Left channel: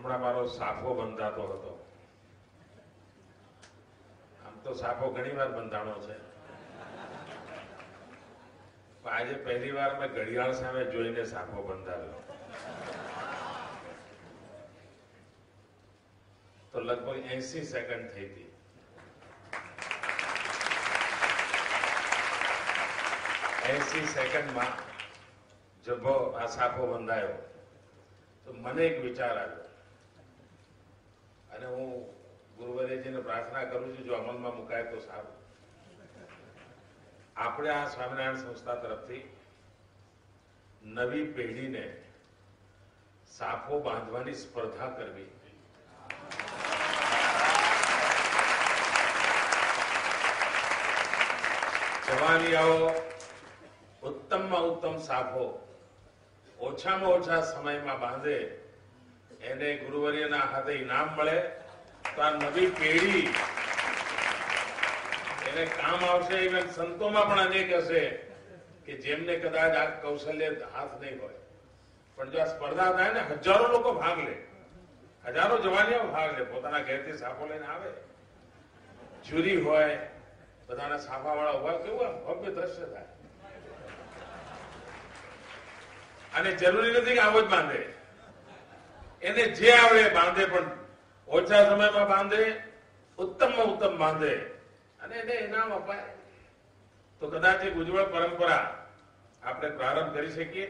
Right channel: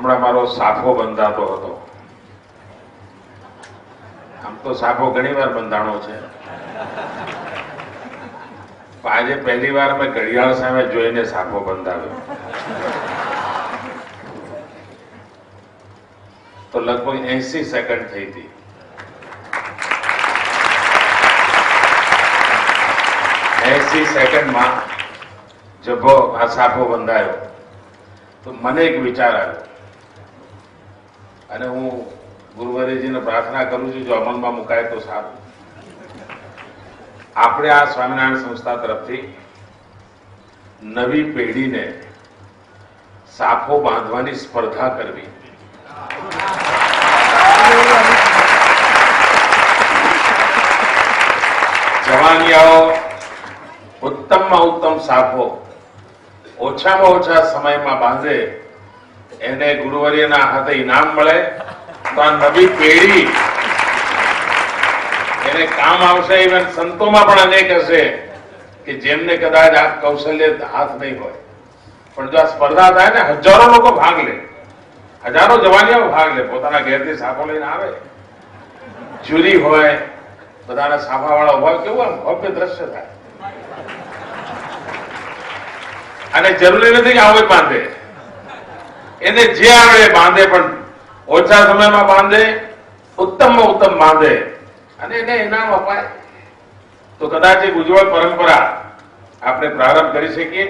હમણાં મારો સાફો બંધાતો હતો. આમ તો સાફો ઘણી વાર બંધાણો છે, પણ આજે પહેલી વાર મેં ઘડિયાળ સામે જોઈને સાફો બંધાવ્યો. તો લગભગ 80 સેકન્ડ થઈ હતી. સેકન્ડમાં જભો આ સાફો બંધાયો તો મને એક વિચાર આવ્યો, અને હું ગુરુવરેજીને પ્રાર્થના કરું છું જો અમલમાં મુકાય તો સારું. આપણે આ સ્વામિનારાયણ સંસ્થા તરફથી નવી પેઢીને સાફો બાંધવાની સ્પર્ધા કરવી. જવાનિયાઓ ઉત્તમમાં ઉત્તમ સાફો ઓછામાં ઓછા સમયમાં બાંધે, એને ગુરુવર્યના હાથે ઇનામ મળે તો આ નવી પેઢી એને કામ આવશે. ઇવન સંતોમાં પણ અનેક હશે કે જેમને કદાચ આ કૌશલ્ય હાથ નહીં હોય, પણ જો આ સ્પર્ધા થાય ને, હજારો લોકો ભાગ લે, હજારો જવાનિયાઓ ભાગ લે, પોતાના ઘેરથી સાફો લઈને આવે, જ્યુરી હોય, બધાના સાફાવાળા હોય, કેવું આમ ભવ્ય દ્રશ્ય થાય. અને જરૂરી નથી કે આવો બાંધે, એને જે આવડે બાંધે, પણ ઓછા સમયમાં બાંધે, ઉત્તમમાં ઉત્તમ બાંધે અને એને ઇનામ અપાય તો કદાચ એક ઉજ્જવળ પરંપરા આપણે પ્રારંભ કરી શકીએ.